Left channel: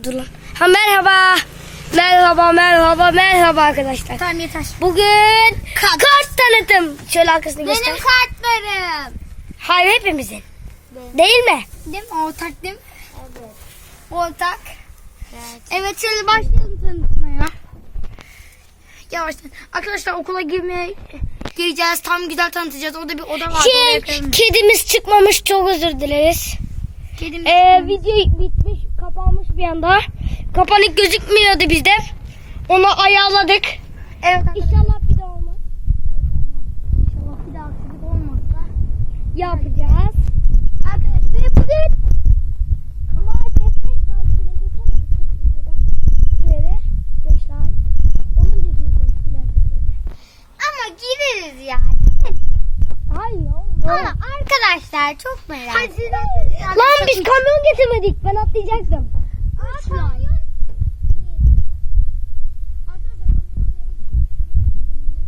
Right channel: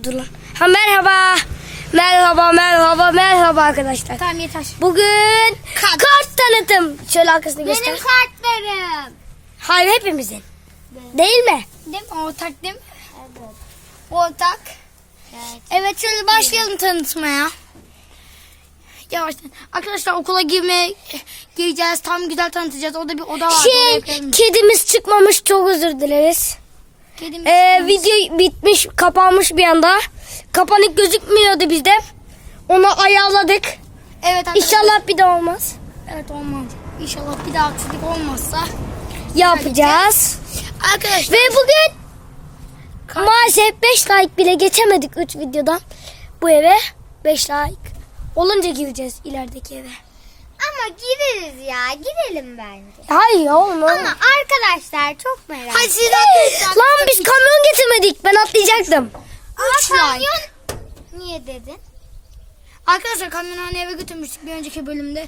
Dur lan. Ha merhaba. Merhaba merhaba merhaba arkadaşlar. Tamam yeter. Bugün kart tanıtım. Şöyle arkasını göster. Benim kartlarım. Hayır hepimizin. Benim. Değil mi? Değil mi? Ortak değil mi? Evet. Ortak. Evet. Evet şöyle başlayalım tanıtmaya. Yavaştan. Arkadaşlar okula girmeye gireceğiz. Tam güzel tanıtacağız. Orada bir oda var. Şey, kedimiz çıkmamış çok özür dileriz. Kedimiz Ee, video bitmiş kapanmış bir anda. Kapanık gözükmüyordu bizde. Onu ayarladık. Evet arkadaşlar. İnşallah bir daha olmaz. Evet olmaz. İnşallah bir daha aksilik olmazsa. Yapacağız. Arkadaşlar. Ve bugün maalesef 5 like bile geçemedik 3 videodan bu eve. 5 like olunca gireceğiz ilerideki eve. Ama gireriz ya. Girelim bence. Hayır oğlum. Ama arkadaşlar çok merak siz arkadaşlar. Lan biz kamyon getirmedik. Ben atlayacaktım. Like. kamyon. Niye dedin? Arkadaşlar kamyonhaneye eve götürmüştük bir önceki bölümde.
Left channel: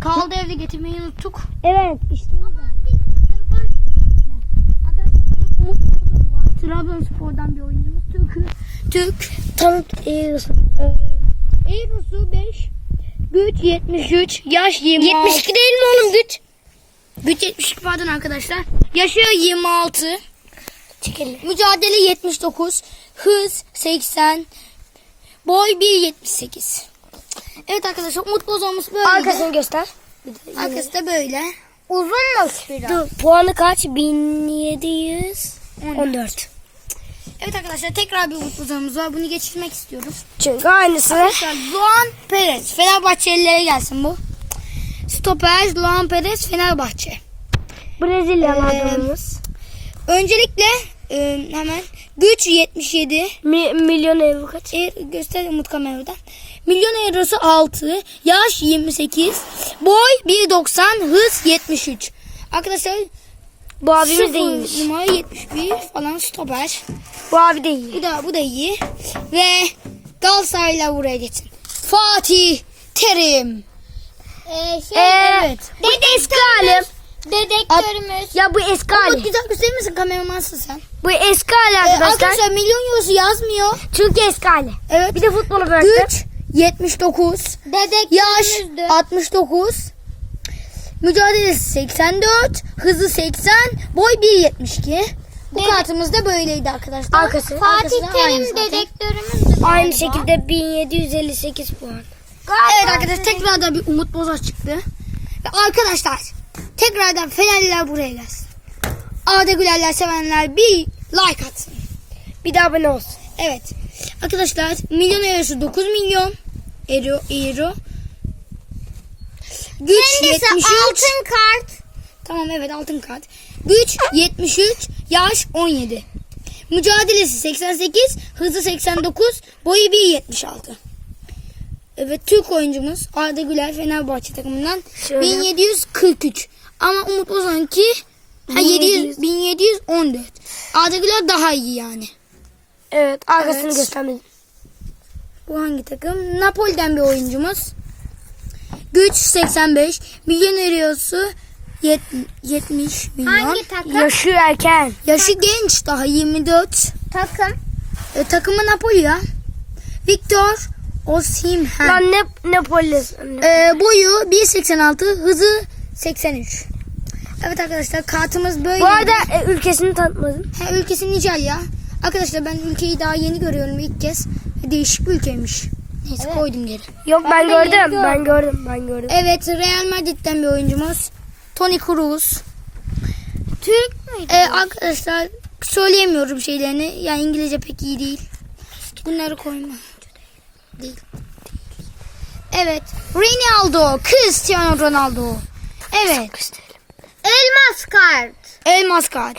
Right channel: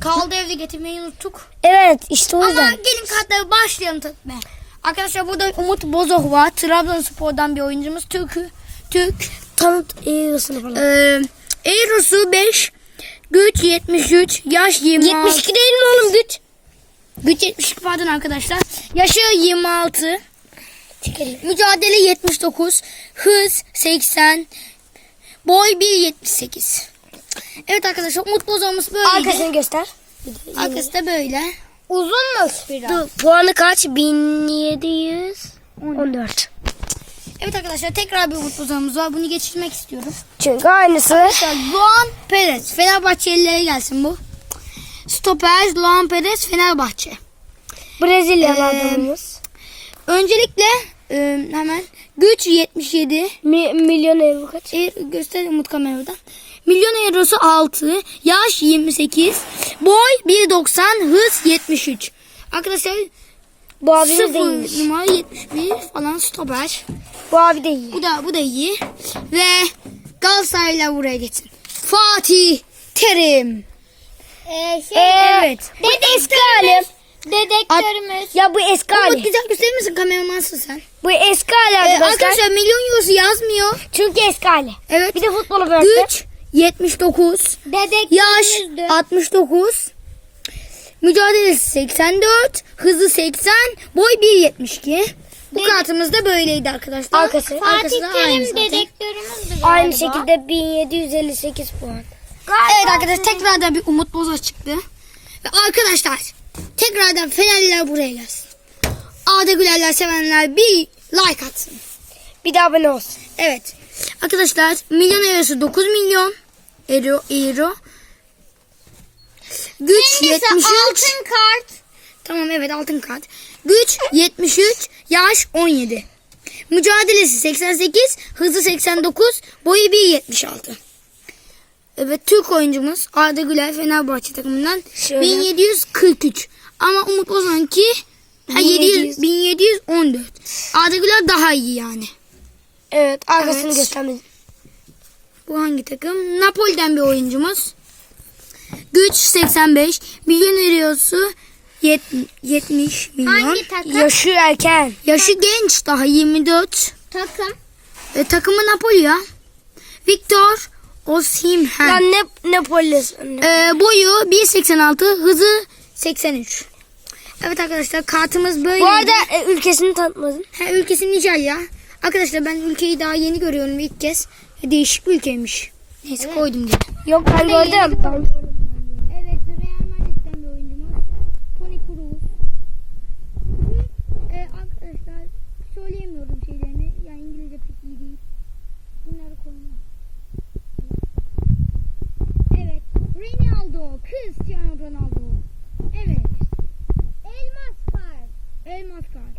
Kaldı evde getirmeyi unuttuk. Evet işte o Ama yüzden. gelin kartları başlayalım tanıtmaya. Arkadaşlar burada Umut Bozok var. Trabzonspor'dan bir oyuncumuz. Türk. Türk. Tanıt ıısını falan. Ee, Erosu 5. Güç 73. Yaş 26. 72 değil mi oğlum güç? Güç 72 pardon arkadaşlar. Yaşı 26. Çekelim. Mücadele 79. Hız 80. Boy 1.78. Evet arkadaşlar Umut Bozok'umuz böyle. Arkasını göster. Arkası da böyle. Uzun mu? Dur, puanı kaç? 1714. Evet arkadaşlar tekrar bir Umut Bozok'umuz var. Bunu geçirmek istiyoruz. Çünkü aynısı. Arkadaşlar Luan Perez. Fenerbahçelilere gelsin bu. Stoper Luan Perez Fenerbahçe. Brezilyalı Ee, adamımız. Öncelikle e, hemen güç 77. Mi, milyon euro kaç? E, göster Umut kameradan. Milyon eurosu 6. Yaş 28. Boy 1.90. Hız 73. Arkadaşlar Bu abimiz de 0 iyiymiş. numara 71 falan stoper. Bu abi de iyi. Bu da bu da iyi. Ve Galatasaray'la buraya gitsin. Fatih Terim. Ee, şey, Ee, evet. Bu eski halim. dedektörümüz. Ya bu eski Umut hali. güzel gösterir misin kameramansın sen? Bu eski hali Ee, arkadaşlar. arkadaşlar milyon eurosu yazmıyor. Çünkü eski hali. Evet. Bir de futbolu bıraktı. Güç 79. Yaş Dedektörümüzdü. 69. Mücadelesi 84. Hızı 80. Boy 1.72. Bu kartımız da böyleydi arkadaşlar. Arkası. Fatih Terim zaten. dedektörümüzdü. Aynı galiba. şekilde 1758 puan. Evet arkadaşlar tekrardan bir Umut Boza çıktı. Ve arkadaşlar tekrardan Fenerliler buraya gelsin. Arda Gülerler sevenler bir like atsın. Bir de abone olsun. Evet. Arkadaşlar milyon eurosu 9 milyon euro. euro. Güç Hangisi 73. altın kart? Tamam evet altın kart. Güç 73. Yaş 17. Mücadelesi 88. Hızı 89. Boyu 1.76. Evet Türk oyuncumuz Arda Güler Fenerbahçe takımından Şöyle. 1743. Ama Umut Ozan'ki ha, 700, 1714. Arda Güler daha iyi yani. Evet arkasını Evet. göstermedim. Bu hangi takım? Napoli'den bir oyuncumuz. Güç 85. Milyon eurosu yet- 70 milyon. Hangi takım? Yaşı erken. Yaşı genç daha 24. Takım. E, takımı Napoli ya. Victor Osimhen. Lan ne Napoli'si. E, boyu 1.86 hızı 83. Evet arkadaşlar kartımız böyle. Bu arada e, ülkesini tanıtmadım. ha, ülkesi Nijerya. Arkadaşlar ben ülkeyi daha yeni görüyorum ilk kez. Değişik bir ülkeymiş. Neyse Evet. koydum geri. Yok ben Ben gördüm. gördüm. Ben gördüm. Ben gördüm. Evet Real Madrid'den bir oyuncumuz. Toni Kroos. Türk müydü? Ee, arkadaşlar söyleyemiyorum şeylerini. Yani İngilizce pek iyi değil. Bunları koyma. Evet. Ronaldo. Cristiano Ronaldo. Evet. Elmas kart. Elmas kart.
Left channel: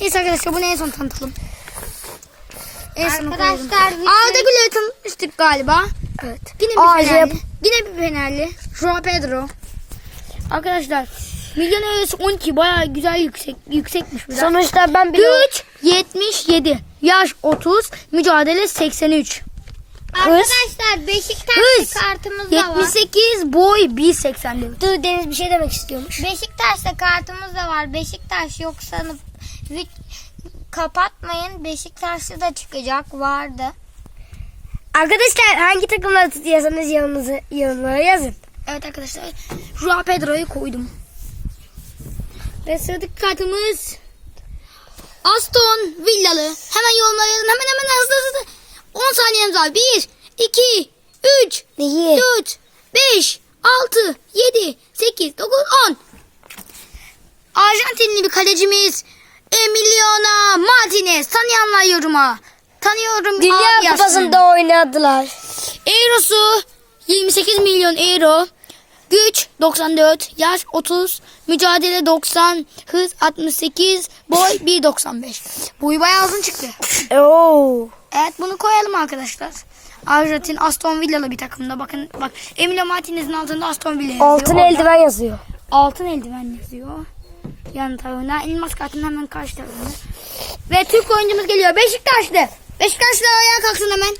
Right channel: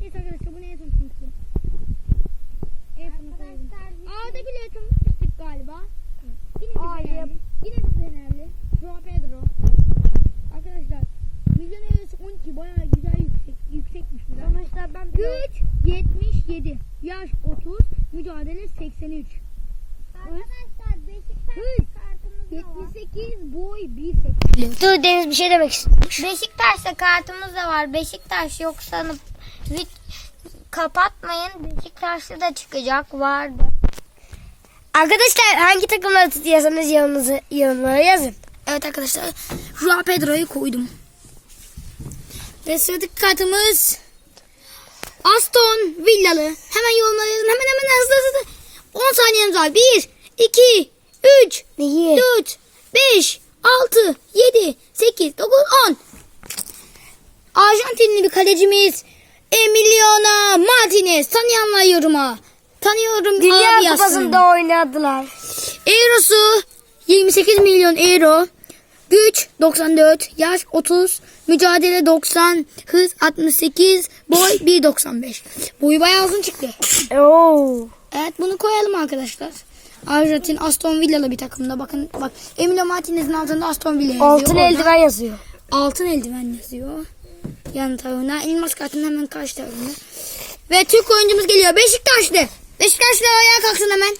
Neyse arkadaşlar bunu en son tanıtalım. En son koyalım. Arkadaşlar bütün- Arda Güler'i tanıtmıştık galiba. Evet. Yine bir. Fenerli. Yine bir Fenerli. Joao Pedro. Arkadaşlar milyon eurosu 12 bayağı güzel yüksek yüksekmiş bir de. Sonuçta ben bir Güç 77. Yaş 30. Mücadele 83. Arkadaşlar Beşiktaşlı Hız. kartımız da var. 78 boy 1.84. Dur Deniz bir şey demek istiyormuş. Beşiktaş'ta kartımız da var. Beşiktaş yok sanıp kapatmayın. Beşiktaşlı da çıkacak. Vardı. Arkadaşlar hangi takımları tutuyorsanız yanınızı, yanına yazın. Evet arkadaşlar. Joao Pedro'yu koydum. Ve sıradaki kartımız Aston Villalı. Hemen yorumlara yazın. Hemen hemen hızlı hızlı. 10 saniyemiz var. 1, 2, 3, Neyi? 4, 5, 6, 7, 8, 9, 10. Arjantinli bir kalecimiz Emiliano Martinez. Tanıyanlar yoruma. Tanıyorum Dünya abi yazsın. Kupası'nda oynadılar. Eurosu 28 milyon euro. Güç 94, yaş 30, mücadele 90, hız 68, boy 1.95. Boyu bayağı uzun çıktı. Oo. Evet bunu koyalım arkadaşlar. Arjantin Aston Villa'lı bir takımda. Bakın bak Emilio Martinez'in altında Aston Villa yazıyor. Altın Orada eldiven yazıyor. Altın eldiven yazıyor. Yan tarafına. Elmas kartının hemen karşı tarafında. Ve Türk oyuncumuz geliyor. Beşiktaşlı. Beşiktaşlı ayağa kalksın hemen.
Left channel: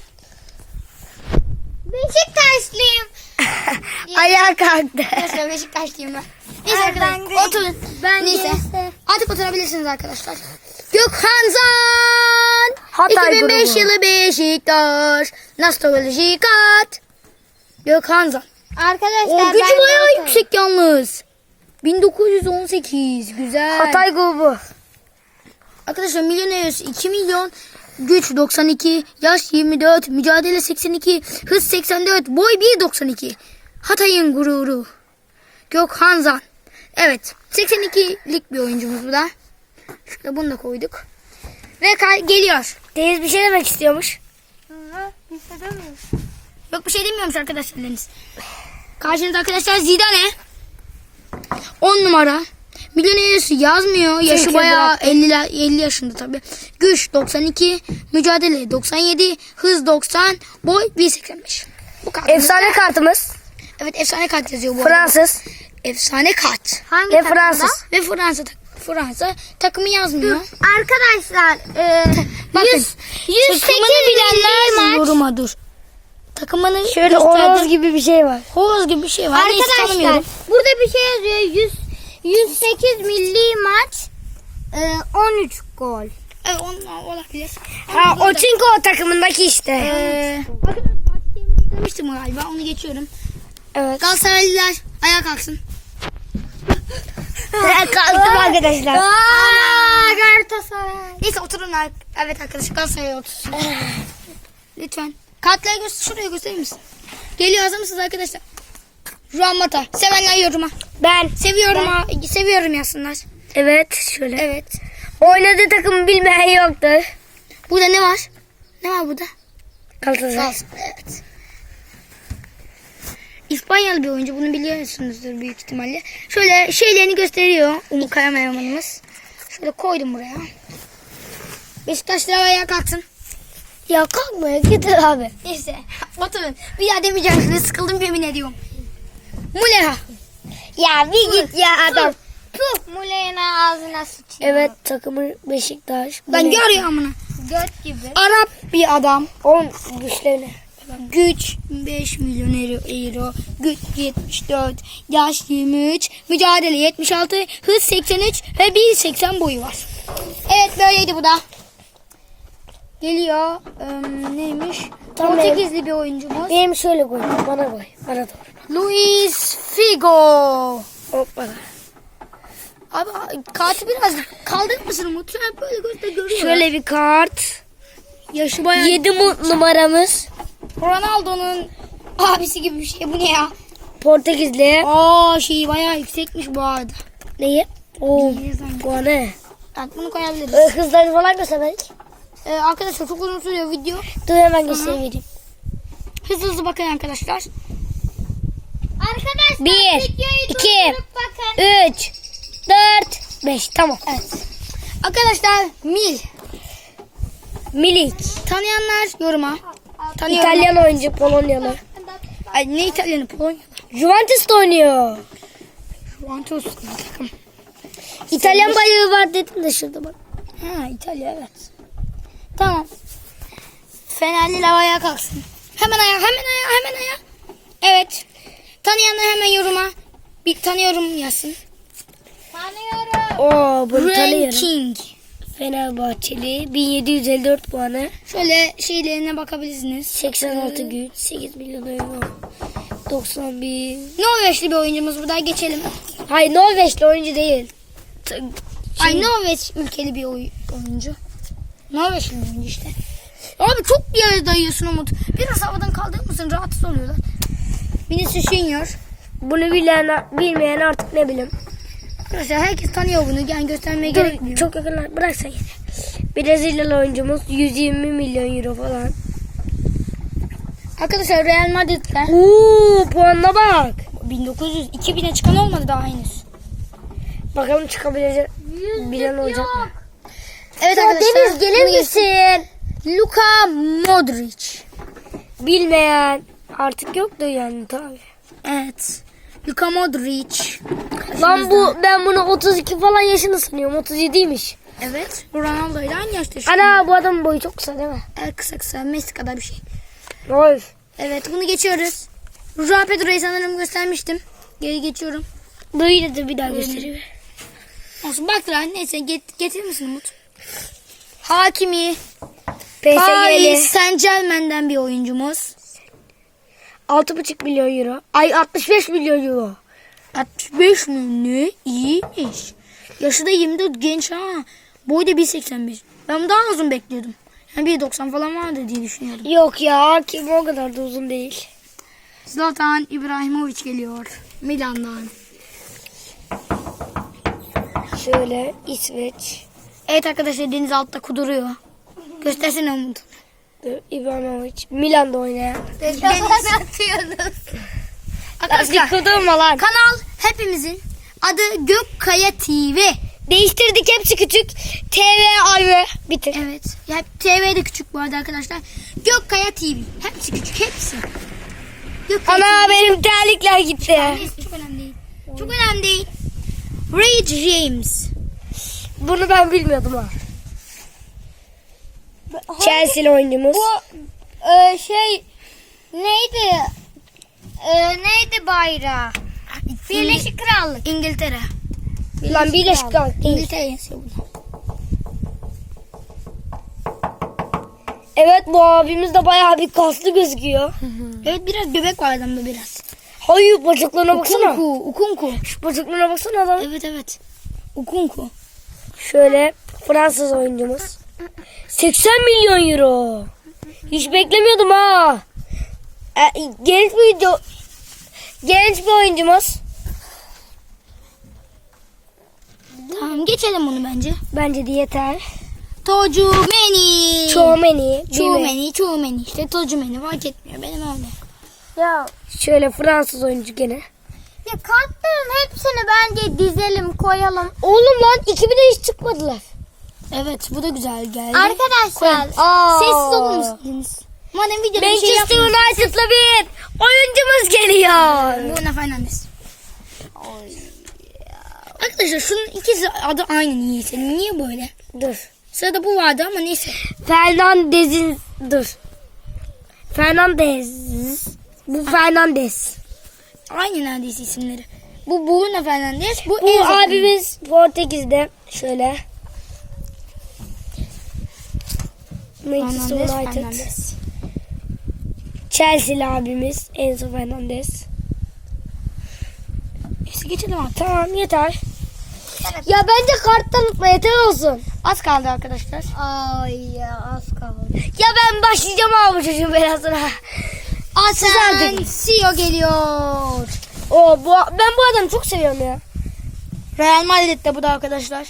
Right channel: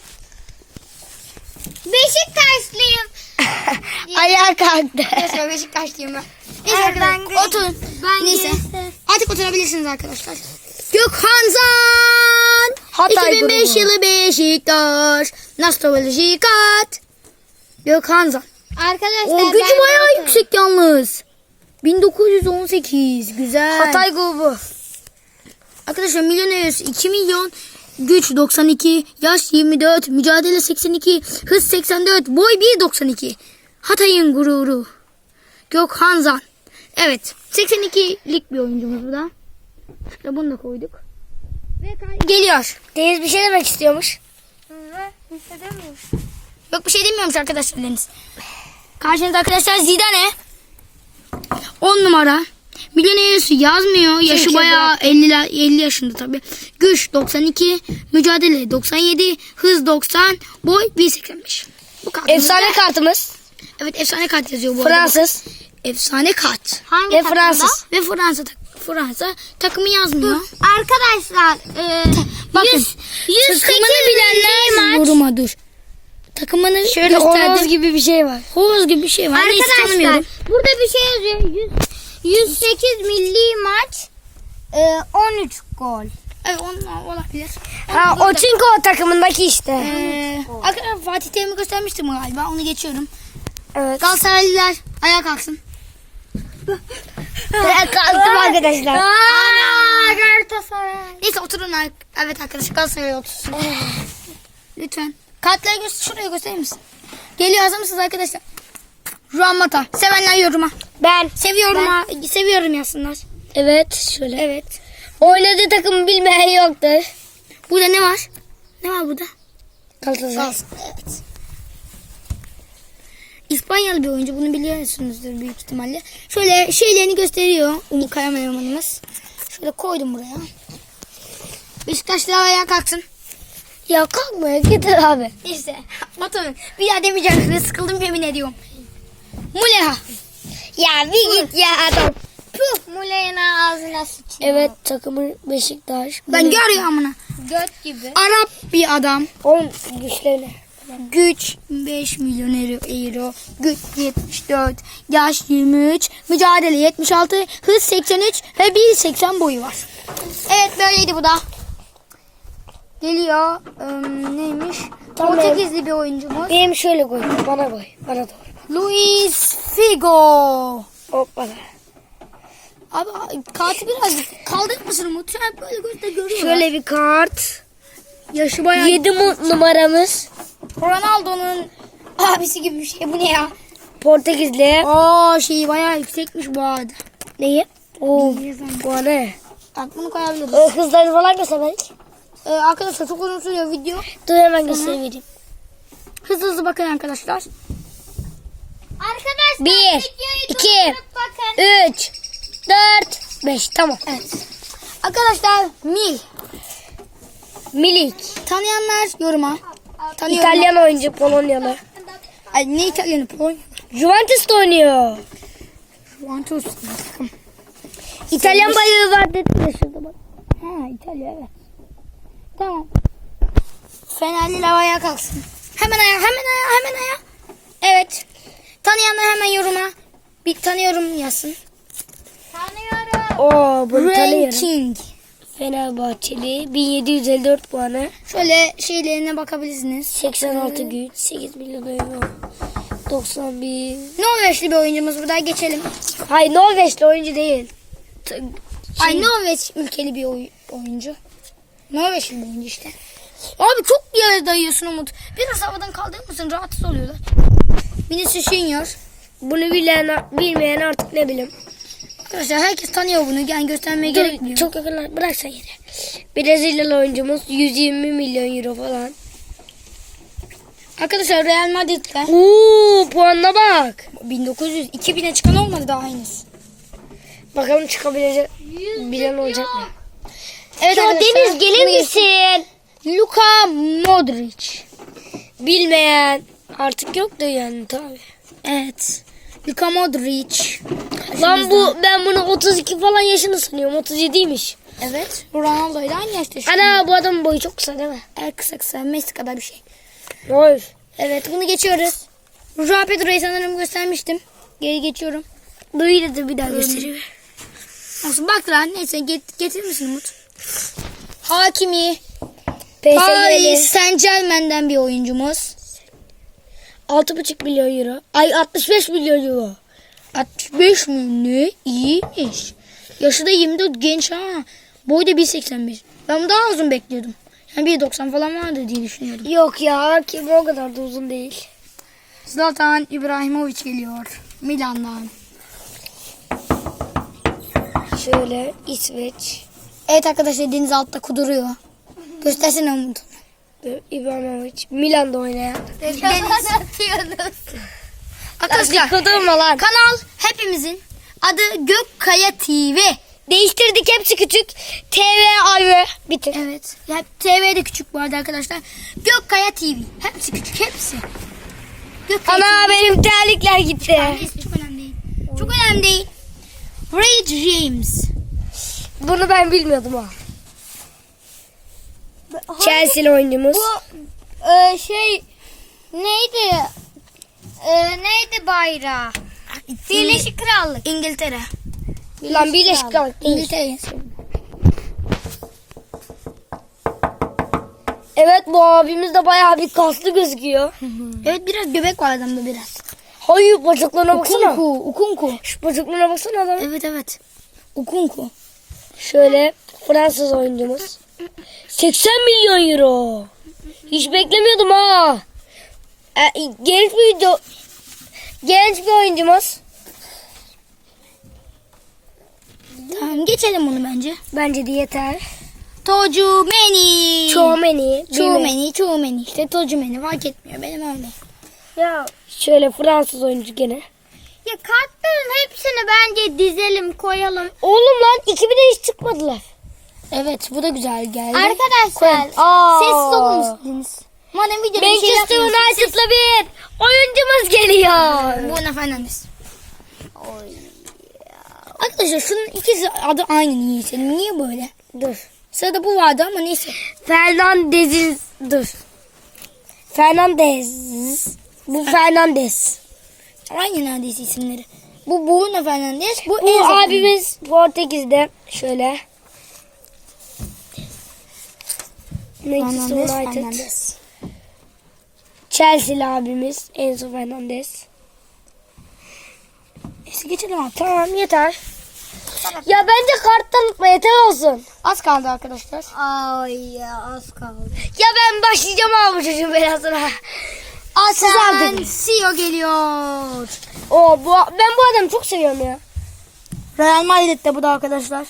Beşiktaşlıyım. Ayağa kalktı. Arkadaşlar Beşiktaşlıyım ben. Neyse Evet, arkadaşlar ben oturun. ben Neyse. Artık oturabilirsiniz arkadaşlar. Gökhan Zan. Hatay 2005 grubu. yılı Beşiktaş. Nostalji kat. Gökhan Zan. Arkadaşlar O gücü ben bayağı yokum. yüksek yalnız. 1918. Güzel. Hatay grubu. Arkadaşlar milyon arası 2 milyon. Güç 92, yaş 24, mücadele 82, hız 84, boy 1.92. Hatay'ın gururu. Gökhan Zan. Evet 82'lik bir oyuncumuz bu da. Şöyle bunu da koyduk. Ve geliyor. Deniz bir şey demek istiyormuş. Yok bir şey demiyormuş arkadaşlar Deniz. Karşınızda arkadaşlar Zidane. 10 numara. Milyonerisi yazmıyor. Yaşı Türkiye bayağı bıraktı. 50, 50 yaşında tabii. Güç 92, mücadele 97, hız 90, boy 1.85. Bu kadar. Efsane kartımız. Evet efsane kart yazıyor bu arada. Fransız Efsane kart. Hangi ve takımda? Fransız. Ve Fransa Fransa takımı yazmıyor. Arkadaşlar e, Bakın. 100, 108 Takımını bilenler maç. yoruma dur. Takımını Şöyle horoz gibi bir şey var. Horoz gibi bir şey var. Arkadaşlar burada bir şey yazıyor. 100, 108 milli maç e, 13 gol. Evet olabilir. Ha, o çünkü o takımındaki işte. Ee, arkadaşlar Fatih Terim'i göstermiştim galiba. Onu geçiyorum. Evet. Galatasaraylılar ayağa kalksın. Ben kalktım arkadaşlar. Ana Galatasaray. Neyse oturun. Evet arkadaşlar Galatasaray'a otursun. Lütfen. Kartları göster, şuraya gösterir misin? Geliyor hazır mısınız arkadaşlar? Juan Mata. Sevenler yoruma. Ben. Seviyorum ha, seviyorum yazsınlar. Evet şöyle. Evet. Oynadığı takımı bilmeyen yoktur. Burada ne var? Ne var burada? Galatasaray. Evet. İspanyalı bir oyuncu. Bunu biliyorsunuzdur büyük ihtimalle. Şöyle şeylerini gösteriyor. Umut Kayamayamanımız. Şöyle koydum buraya. Beşiktaşlı ayağa kalksın. Ya kalkmaya gidin abi. Neyse. Oturun. Bir daha demeyeceğim size. Sıkıldım yemin ediyorum. Muleha. Ya bir git ya adam. Puh Muleyna ağzına sıçıyor. Evet takımı Beşiktaş. Ben görüyorum amına. Göt gibi. Arap bir adam. Onun güçlerini. Güç 5 milyon euro. Güç 74. Yaş 23. Mücadele 76. Hız 83 ve 1.80 boyu var. Evet böyleydi bu da. Geliyor. Ee, neymiş? Tamam. Portekizli bir oyuncumuz. Benim şöyle koy. Bana koy. Bana doğru. Luis Figo. Hoppa. Abi kartı birazcık kaldırır mısın? Böyle gözle görüyor. Şöyle bir kart. Yaşı bayağı. 7 numaramız. Ronaldo'nun abisi gibi bir şey. Bu ne ya? Portekizli. Oo şeyi bayağı yüksekmiş bu arada. Neyi? Oo. Bu ne? Bak bunu koyabiliriz. Ee, hızları falan göstermedik. Ee, arkadaşlar çok uzun sürüyor video. Dur hemen göstereyim. Hızlı hızlı bakın arkadaşlar. Arkadaşlar 1, videoyu 2, durdurup bakın. 3, 4, 5. Tamam. Evet. Arkadaşlar Mil. Milik. Tanıyanlar yoruma. Tanıyor. İtalyan oyuncu Polonyalı. Ay ne İtalyanı? Polonya. Juventus'ta oynuyor. Juventus. İtalyan bayağı var dedim de şurada bak. Ha İtalya evet. Tamam. Fenerliler ayağa kalksın. Hemen ayağa hemen ayağa hemen ayağa. Evet. Tanıyanlar hemen yoruma. Bir tanıyorum yazsın. Tanıyorum. Oo bunu tanıyorum. Ranking. Fenerbahçeli 1754 puanı. Şöyle şeylerine bakabilirsiniz. 86 güç. 8 milyon euro. 91. Norveçli bir oyuncumuz bu da geçelim. Hayır Norveçli oyuncu değil. T- Ay şey- Norveç ülkeli bir oy- oyuncu. Norveçli bir oyuncu işte. Abi çok bir yere dayıyorsun Umut. Biraz havadan kaldırır mısın? Rahatsız oluyorlar. Vinicius Junior. Bunu bilen bilmeyen artık ne bileyim. Arkadaşlar herkes tanıyor bunu. Yani göstermeye Dur, gerekmiyor. çok yakınlar. Bıraksa yine. Brezilyalı oyuncumuz 120 milyon euro falan. Arkadaşlar Real Madrid'den Uuu puanına bak. 1900 2000'e çıkan olmadı daha henüz. Bakalım çıkabilecek bilen olacak mı? Evet Ya Deniz gelir misin? Luka Modric. Bilmeyen artık yoktu yani tabi. Evet. Luka Modric. Lan bu ben bunu 32 falan yaşını sanıyorum. 37'ymiş. Evet. Ronaldo ile aynı yaşta. şu Ana bu adamın boyu çok kısa değil mi? Evet, kısa kısa Messi kadar bir şey. Oy. Evet bunu geçiyoruz. Joao Pedro'yu sanırım göstermiştim. Geri geçiyorum. Dur yine de bir daha gösteriyor. Olsun bak lan neyse get, getirir misin Umut? Hakimi. PSG'li Paris Saint Germain'den bir oyuncumuz. 6,5 milyon euro. Ay 65 milyon euro. 65 mi? Ne? İyiymiş. Yaşı da 24 genç ha. Boyu da 1.81. Ben daha uzun bekliyordum. Yani 1.90 falan vardı diye düşünüyordum. Yok ya kim o kadar da uzun değil. Zlatan İbrahimovic geliyor. Milan'dan. Şöyle İsveç. Evet arkadaşlar deniz altta kuduruyor. Göstersene Umut. İbrahimovic. Milan'da oynayan. atıyoruz. Arkadaşlar Kudurma lan. kanal hepimizin adı Gökkaya TV. Değiştirdik hepsi küçük. TV ayrı. Bitir. Evet. Ya, TV de küçük bu arada arkadaşlar. Gökkaya TV. Hepsi küçük hepsi. Gökkaya Ana benim terlikler gitti. TV. Çok önemli değil. Çok önemli değil. Ray James. Bunu ben bilmiyordum ha. Chelsea'li oyuncumuz. Bu e, şey neydi? E, neydi bayrağı? Birleşik Krallık. İngiltere. Lan Birleşik Krallık. İngiltere. Evet bu abimiz de bayağı bir kaslı gözüküyor. Evet biraz göbek var adamda biraz. Hayır bacaklarına baksana. Ukunku. Ukunku. Şu bacaklarına baksana adamın. Evet evet. Ukunku. Şöyle Fransız oyuncumuz. 80 milyon euro. Hiç beklemiyordum ha. E, genç bir oyuncu. Genç bir oyuncumuz. Tamam geçelim bunu bence. Bence de yeter. Tocumeni. Chouameni. bilmem. Çoğumeni, çoğumeni. İşte Tocumeni fark etmiyor benim öyle. Ya şöyle Fransız oyuncu gene. Ya kartların hepsini bence dizelim koyalım. Oğlum lan 2000'e hiç çıkmadılar. Evet bu da güzel geldi. Arkadaşlar Aa. Sessiz olur musunuz? Madem videoda bir şey Manchester yapmıyorsunuz. United'la bir oyuncumuz geliyor. Bruno Fernandes. Arkadaşlar şunun ikisi adı aynı niyeyse. Niye böyle? Dur. Sırada bu vardı ama neyse. Fernandez'in dur. Fernandez. Bu Fernandez. Aynı neredeyse isimleri. Bu Bruno Fernandes. Bu, Bu Enzo abimiz Portekiz'de şöyle. Manchester United. Fernandes. Chelsea'li abimiz Enzo Fernandez. Neyse geçelim artık. Tamam yeter. Ya bence kart tanıtma yeter olsun. Az kaldı arkadaşlar. Ay ya az kaldı. Ya ben başlayacağım abi bu çocuğun belasına. Asensio geliyor. O bu ben bu adamı çok seviyorum ya. Real Madrid'de bu da arkadaşlar.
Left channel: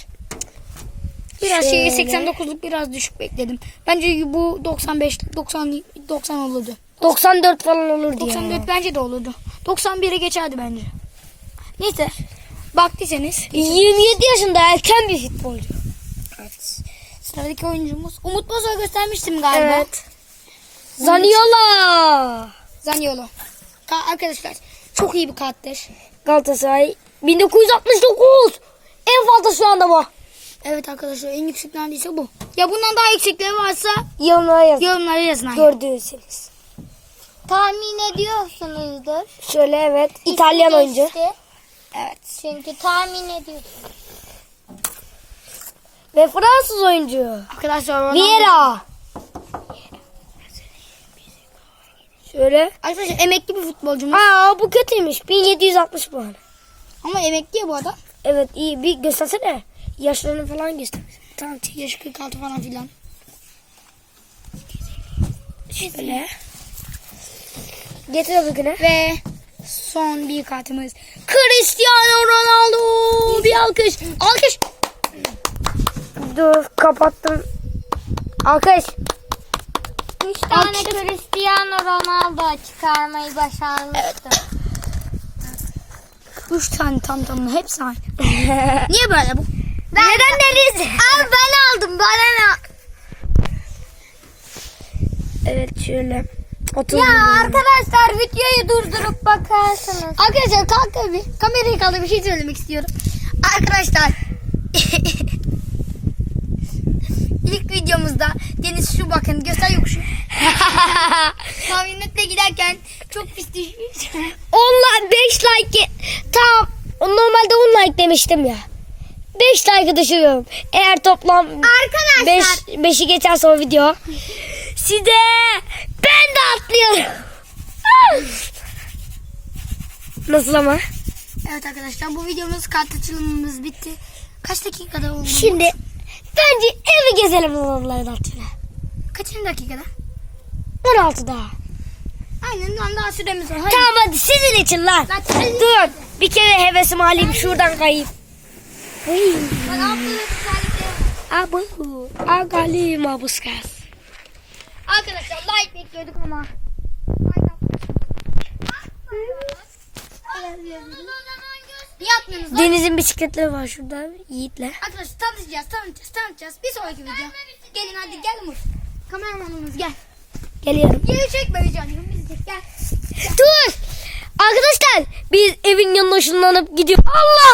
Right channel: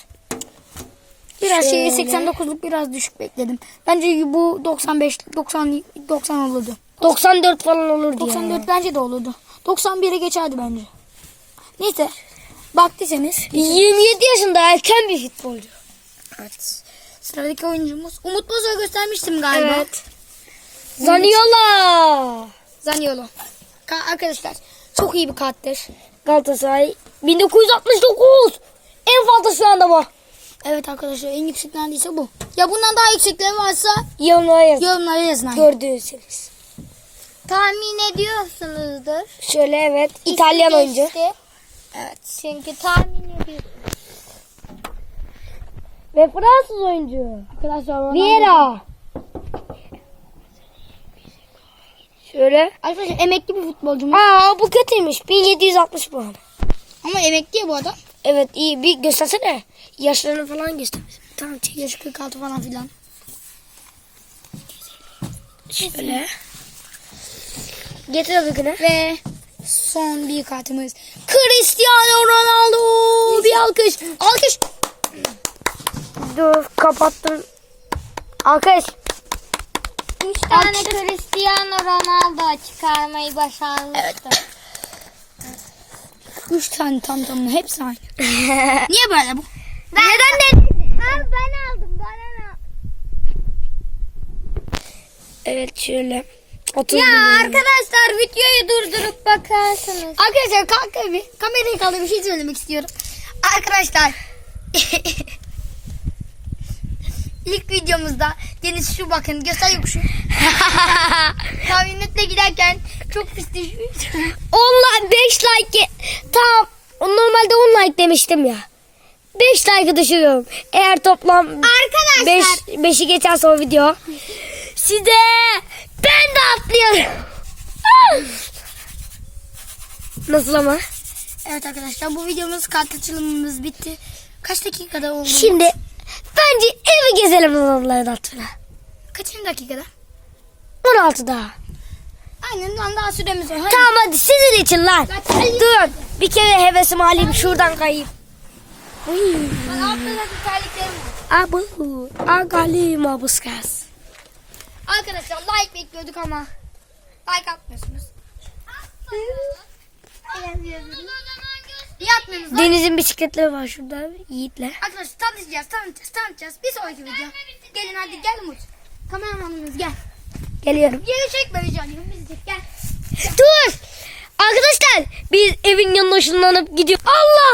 Biraz şey Şöyle. 89'luk biraz düşük bekledim. Bence bu 95 90 90 olurdu. 94 falan olurdu 94 ya. bence de olurdu. 91'e geçerdi bence. Neyse. Baktıysanız. 27 yaşında erken bir futbolcu. Evet. Sıradaki oyuncumuz. Umut Boz'a göstermiştim galiba. Evet. Zaniola. Zaniolo. Ka- arkadaşlar çok iyi bir karttır. Galatasaray 1969. En fazla şu anda bu. Evet arkadaşlar en yüksek neredeyse bu. Ya bundan daha yüksekleri varsa Yorumlara yaz. yorumlara yazın. abi. Gördüğünüzseniz. Tahmin ediyorsunuzdur. Şöyle evet. İtalyan İsmi oyuncu. geçti. Evet. Çünkü tahmin ediyorsunuz. Ve Fransız oyuncu. Arkadaşlar Ronaldo. Vieira. Şöyle. Arkadaşlar emekli bir futbolcumuz. Aa bu kötüymüş. 1760 puan. Ama emekli ya bu adam. Evet iyi bir göstersene. Yaşlarını falan göster. Tamam çek yaş 46 falan filan. Şöyle. Getir öbürküne. Ve son bir kartımız. Cristiano Ronaldo. Bir alkış. Alkış. Dur kapattım. Alkış. Üç tane Cristiano Ronaldo çıkarmayı başarmıştı. Üç tane tam tamına hepsi aynı. Niye böyle bu? Neden Deniz? Abi ben aldım bana ne? Evet şöyle. Otur. Ya arkadaşlar videoyu durdurup bakarsınız. Arkadaşlar kalk bir kamerayı kaldır bir şey söylemek istiyorum. Arkadaşlar ilk videomuzda Deniz şu bakın göstereyim şu. Kamyonetle giderken çok pis düşmüş. Onlar 5 like. Tamam. Normalde 10 like demiştim ya. 5 like düşürüyorum. Eğer toplam Arkadaşlar. 5 5'i geçerse o video. Size ben de atlıyorum. Nasıl ama? Evet arkadaşlar bu videomuz kart açılımımız bitti. Kaç dakikada oldu? Şimdi bence evi gezelim onların altına. Kaçıncı dakikada? 16 daha. Aynen lan daha süremiz var. Hadi. Tamam hadi sizin için lan. Zaten Dur bir kere hevesimi alayım şuradan kayayım. Abu. Agali mabuskas. Arkadaşlar like bekliyorduk ama like atmıyorsunuz? Deniz'in bisikletleri var şurada Yiğit'le. Arkadaşlar tanıtacağız, tanıtacağız, tanıtacağız. Bir sonraki video. Gelin hadi gel Umut. Kameramanımız gel. Geliyorum. Yeri çekme. Biz de gel. Dur. Arkadaşlar biz evin yanına ışınlanıp gidiyor. Allah.